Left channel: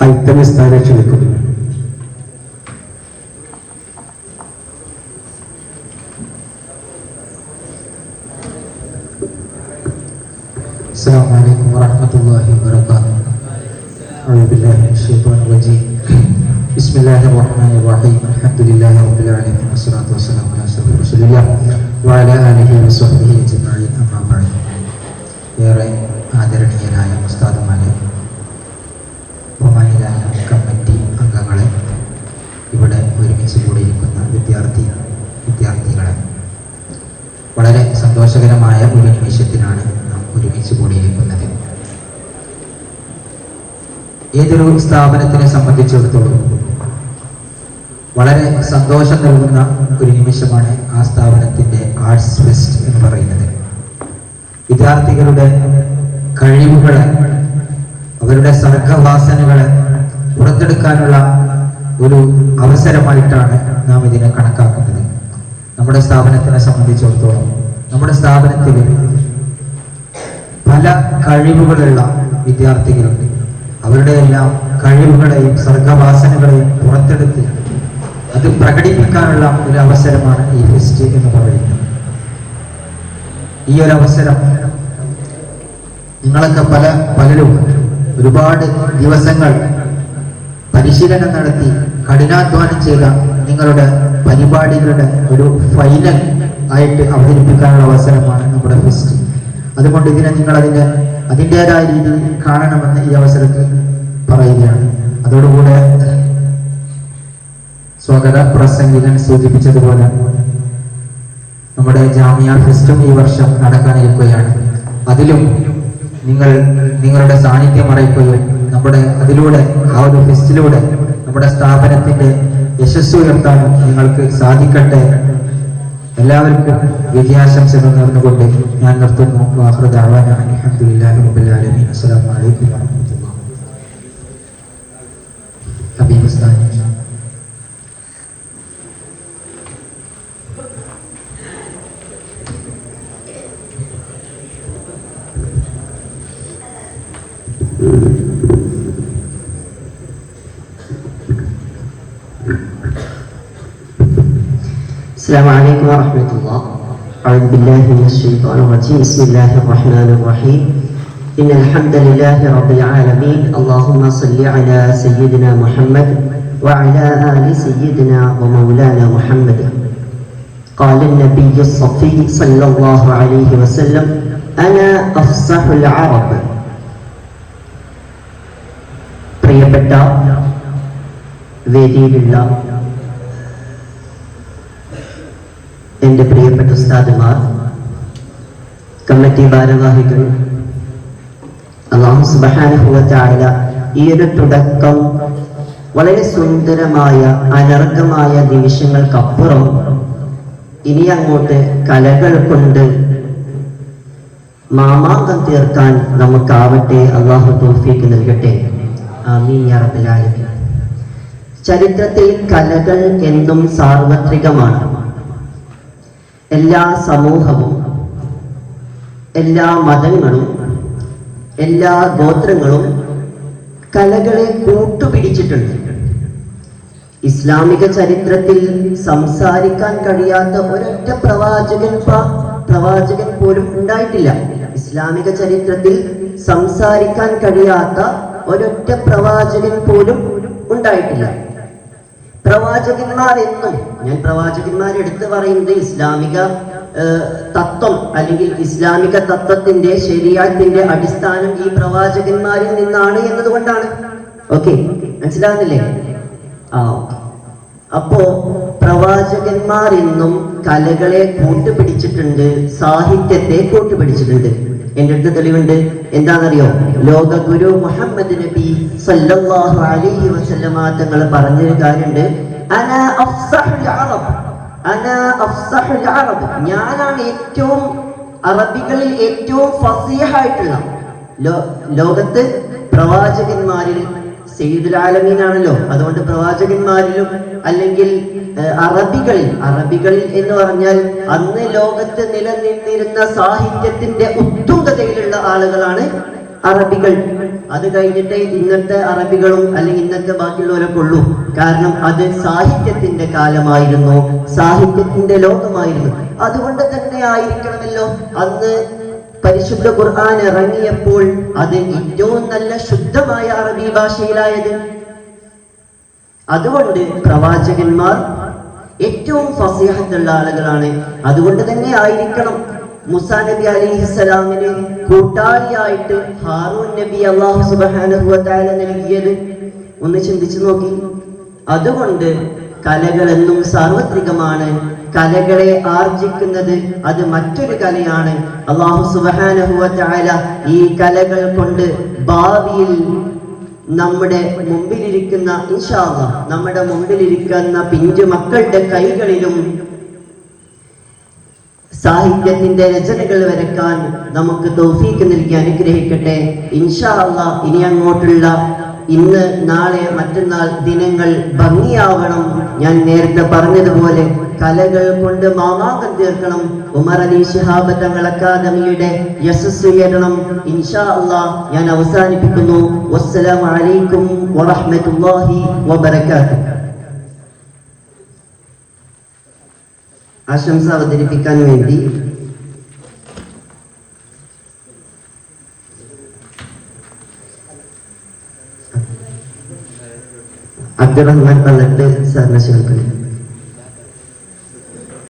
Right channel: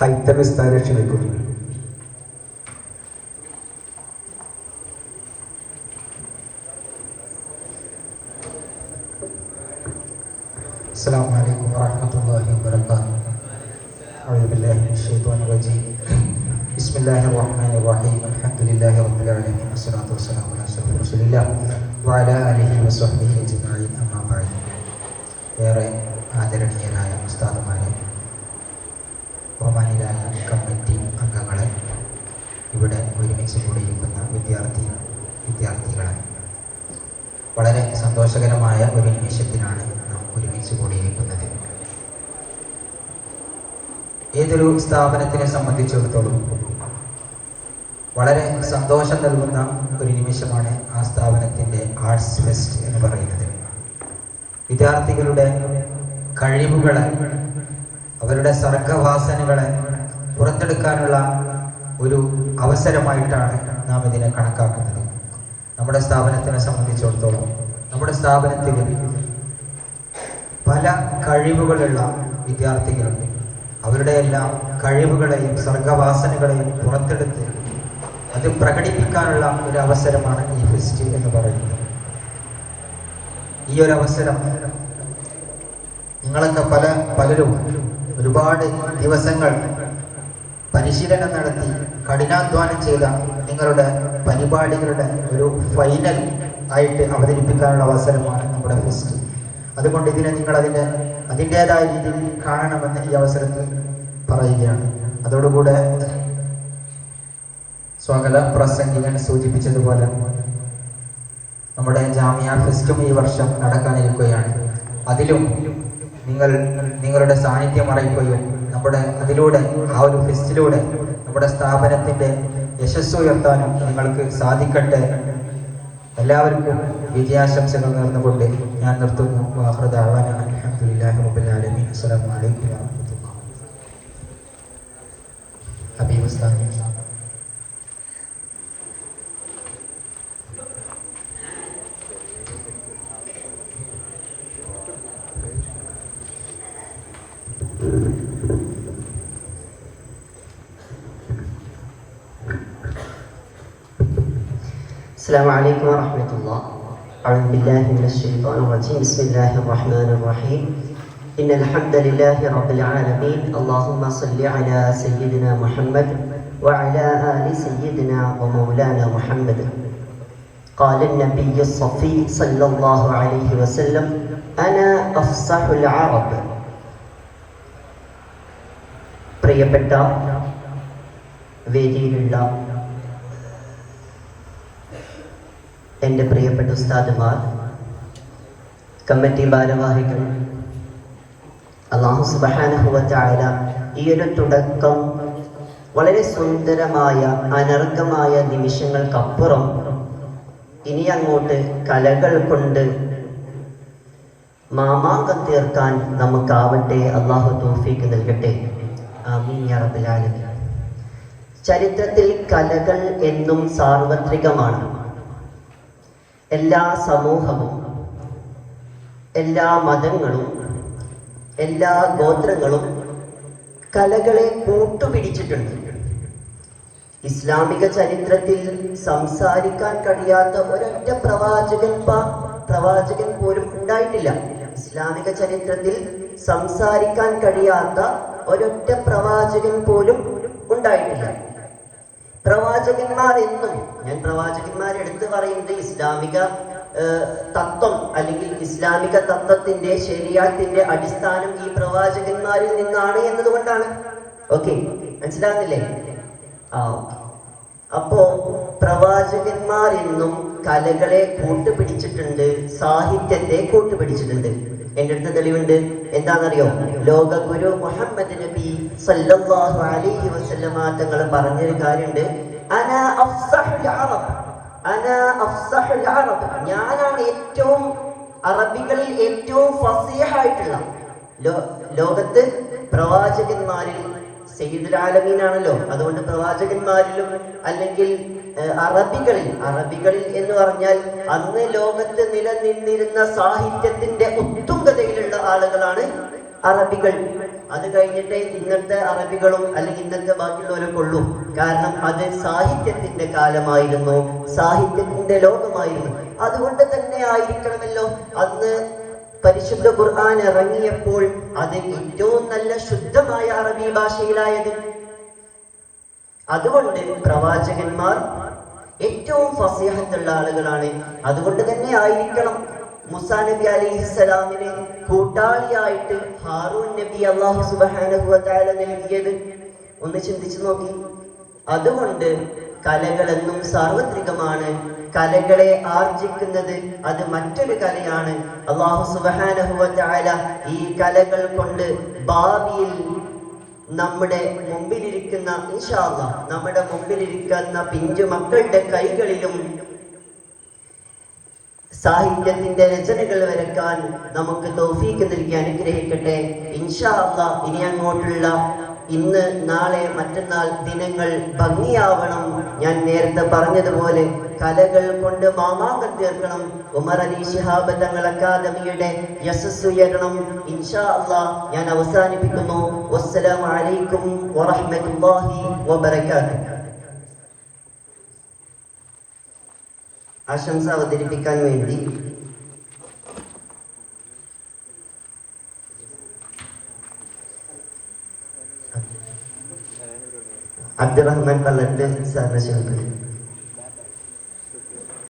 ഹൈത്തമി സ്ഥാനം ക്ഷണിക്കുന്നു. السلام عليكم ورحمة الله وبركاته. أعوذ بالله من الشيطان الرجيم. بسم الله الرحمن الرحيم. الحمد لله رب العالمين والصلاة والسلام على أشرف رسول الله وعلى آله وصحبه أجمعين. أما بعد. ഏറെ ആദരണീയരായ ഉസ്താദുമാരെ, ബഹുമാനിയായ കമ്മിറ്റി അംഗങ്ങളെ, ഇവിടെ ഒരുമിച്ച് കൂടിയിരിക്കുന്ന വിദ്യാർത്ഥികളെ, വളരെ സന്തോഷകരമായ ഒരു നിമിഷത്തിലാണ് നാം ഒരുമിച്ച് കൂടിയിരിക്കുന്നത്. ഏതൊരു സ്ഥാപനത്തിനെ സംബന്ധിച്ചിടത്തോളം വളരെ സന്തോഷം നൽകുന്ന ഒരു നിമിഷമാണ് ആ സ്ഥാപനത്തിന്റെ ആർട്സ് ഫെസ്റ്റ് എന്ന് പറയുന്നത്. വിദ്യാർത്ഥികളുടെ കഴിവുകളെ, അവരുടെ സർഗവാസനകളെ പുറത്തെടുക്കാനുള്ള ഒരു അവസരമായിട്ടാണ് നാം ഇതിനെ കണക്കാക്കുന്നത്. നമ്മുടെ സ്ഥാപനത്തിനെ സംബന്ധിച്ചിടത്തോളം നമ്മുടെ സ്ഥാപനത്തിൽ പല കഴിവുകളുള്ള വിദ്യാർത്ഥികളുണ്ട്. അവരുടെ എല്ലാം കഴിവുകളെയും സർഗവാസനകളെയും പുറത്തെടുത്ത് അത് പ്രകടിപ്പിക്കാനുള്ള ഒരു അവസരമാണ് ഈ ഫെസ്റ്റ് എന്ന് പറയുന്നത്. ഈ ഒരു അവസരം നിങ്ങളൊക്കെ പലരും ഒരുപാട് ദിവസങ്ങൾ പരിശീലനം നടത്തി കഠിനാധ്വാനം ചെയ്ത നിങ്ങളുടെ പരിപാടികളുടെ ഒരു ഫൈനൽ ആയിട്ട് അവതരിപ്പിക്കാനുള്ള അവസരമാണ് നമ്മുടെ ഫെസ്റ്റ്. അതുകൊണ്ട് ഇതിനെ നിങ്ങൾ അതിൻ്റെതായ രീതിയിൽ കാണണമെന്ന് ഈ അവസരത്തിൽ പറയുകയാണ്. അതോടുകൂടെ സ്വാഗത പ്രസംഗികൻ സൂചിപ്പിച്ചതുപോലെ നമ്മുടെ ജാമിയ ഫെസ്റ്റും ഈ വർഷം നടക്കാനിരിക്കുകയാണ്. അതിലും നിങ്ങളുടെ സാന്നിധ്യം അറിയിക്കുകയും അതിലൂടെ ആ ഒരു ഫെസ്റ്റിലൂടെ നമ്മുടെ സ്ഥാപനത്തിന്റെ യശസ് ഉയർത്താനും നിങ്ങൾക്ക് സാധിക്കട്ടെ. എല്ലാവർക്കും വിജയാശംസകൾ നേർന്നുകൊണ്ട് ഞാൻ നിർത്തുന്നു. വാഖിറു ദഅ്വാനാ അൽഹംദുലില്ലാഹി റബ്ബിൽ ആലമീൻ. അസ്സലാമു അലൈക്കും വറഹ്മത്തുള്ളാഹി. ഹബീബ് ഉസ്താദ്. السلام عليكم ورحمة الله. أعوذ بالله من الشيطان الرجيم. بسم الله الرحمن الرحيم. إن الحمد لله رب العالمين. اللهم صل على سيدنا محمد وعلى آل سيدنا ومولانا محمد. قال النبي الصفي صلى الله عليه وسلم: أنا أفصح العرب. പ്രിയപ്പെട്ട വേദിയിലുള്ള എൻ്റെ പ്രിയപ്പെട്ട ഉസ്താദുമാർ, കമ്മിറ്റി ഭാരവാഹികൾ, അല്ലാഹു സുബ്ഹാനഹു വ തആല ഈ ഒരു തുടക്കം വളരെ സുന്ദരമായ അനർഘമായ നിമിഷങ്ങൾക്കപ്പുറം ഇനി അങ്ങോട്ട് കലകൾ കൊണ്ട് മാമാങ്കം തീർക്കാൻ നമുക്കാവട്ടെ. അല്ലാഹു തൗഫീഖ് നൽകട്ടെ. ആമീൻ യാ റബ്ബൽ ആലമീൻ. ചരിത്രത്തിൽ കലകൾ എന്നും സാർവത്രികമാണ്. എല്ലാ സമൂഹവും, എല്ലാ മതങ്ങളും, എല്ലാ ഗോത്രങ്ങളും കലകളെ കൂട്ടുപിടിച്ചിട്ടുണ്ട്. ഇസ്ലാമിക ചരിത്രത്തിൽ സംസാരിക്കാൻ കഴിയാത്ത ഒരൊറ്റ പ്രവാചകൻ പോലും ഉണ്ടായിട്ടില്ല. ഇസ്ലാമിക ചരിത്രത്തിൽ സംസാരിക്കാൻ കഴിയാത്ത ഒരൊറ്റ പ്രവാചകൻ പോലും ഉണ്ടായിട്ടില്ല. പ്രവാചകന്മാർ എന്നും, ഞാൻ പ്രവാചകന്മാരെടുത്ത് പറയുന്നത് ഇസ്ലാമിക തത്വം അല്ലെങ്കിൽ ഇസ്ലാമിക തത്വത്തിന്റെ ശരീഅത്തിന്റെ അടിസ്ഥാനം ഈ പ്രവാചകന്മാരിൽ നിന്നാണ് എന്നതുകൊണ്ടാണ്. ഓക്കെ, മനസ്സിലാകുന്നില്ലേ? അപ്പോ പ്രവാചകന്മാർ എന്നും കലകളെ കൂട്ടുപിടിച്ചിട്ടുണ്ട്, സാഹിത്യത്തെ കൂട്ടുപിടിച്ചിട്ടുണ്ട്. എന്റെ അടുത്ത് തെളിവുണ്ട്. എന്താണെന്നറിയോ? ലോക ഗുരു മുഹമ്മദ് നബി സല്ലല്ലാഹു അലൈഹി വസല്ലമ തങ്ങൾ പറഞ്ഞൊരു കാര്യമുണ്ട്. അന അഫ്സഹുൽ അറബ്, അന അഫ്സഹുൽ അറബ്. ഞാനാണ് ഏറ്റവും അറബികളിൽ ഏറ്റവും ഫസീഹായിട്ടുള്ള. ലോകത്ത് പ്രവാചകന്മാരിൽ സയ്യിദുൽ ആലമീനാണല്ലോ. അതുകൊണ്ട് പ്രവാചകന്മാരിലും അല്ലെങ്കിൽ അറബികളിൽ എന്ന് പറഞ്ഞാൽ അന്ന് ലോകത്ത് നിലനിന്നിരുന്ന സാഹിത്യത്തിന്റെ ഉത്തുംഗതയിലുള്ള ആളുകളാണ് അറബികൾ. അത് കഴിഞ്ഞിട്ടേ ഇന്നത്തെ അറബികളും അല്ലെങ്കിൽ ഇന്നത്തെ ബാക്കിയുള്ളവരൊക്കെ ഉള്ളൂ. കാരണം അത് സാഹിത്യത്തിന്റെ കാലമായിരുന്നു, സാഹിത്യത്തിന്റെ ലോകമായിരുന്നു. അതുകൊണ്ട് തന്നെ ആയിരിക്കണമല്ലോ അന്ന് പരിശുദ്ധ ഖുർആൻ ഇറങ്ങിയപ്പോൾ അത് ഏറ്റവും നല്ല ശുദ്ധമായ അറബി ഭാഷയിലായത്. അതുകൊണ്ട് പ്രവാചകന്മാർ ഏറ്റവും ഫസീഹത്തുള്ള ആളുകളാണ്. അതുകൊണ്ട് തന്നെ ആയിരിക്കണം മൂസാ നബി അലൈഹിസ്സലാമിന് കൂട്ടാളിയായിട്ട് ഹാറൂൻ നബി അല്ലാഹു സുബ്ഹാനഹു വ തആല നൽകിയത്. ഒന്ന് ചിന്തിച്ചു നോക്കി. അതുകൊണ്ട് കലകളെന്നും സാർവത്രികമാണ്. കലകളെ ആർജിക്കുന്നത് അത് മറ്റൊരു കലയാണ്. അല്ലാഹു സുബ്ഹാനഹു വ തആല ഈ കലകൾ കൊണ്ട് ഭാവിയിൽ നമ്മുടെ മുമ്പിലിരിക്കുന്ന ഇൻഷാ അല്ലാഹ് നമ്മുടെ മുമ്പിലിരിക്കുന്ന പിഞ്ചു മക്കളുടെ കൈകളിലും സാഹിത്യത്തിന്റെ രചനകൾ വരക്കാൻ നമുക്ക് തൗഫീഖ് നൽകി അനുഗ്രഹിക്കട്ടെ. ഇൻഷാ അല്ലാഹ് ഇനി അങ്ങോട്ടുള്ള ഇന്ന്, നാളെ, മറ്റന്നാൾ ദിനങ്ങൾ ഭംഗിയാവണം. ഞാൻ നേരത്തെ പറഞ്ഞതുപോലെ കലകൾ കൊണ്ട് മാമാങ്കം തീർക്കണം. ഉമർ അലി ശിഹാബ് തങ്ങൾ അക്കാദമിയുടെ യശസ്സ് ഉയരണം. ഇൻഷാ അല്ലാഹ് ഞാൻ അവസാനിപ്പിക്കുന്നു. വസ്സലാമു അലൈക്കും വറഹ്മത്തുള്ളാഹി വബറകാതുഹു. ആശംസ അവതരിപ്പിക്കാൻ വേണ്ടി അബ്ദുറഹ്മാൻ പള്ളത്ത് സാറിനെ ക്ഷണിക്കുന്നു.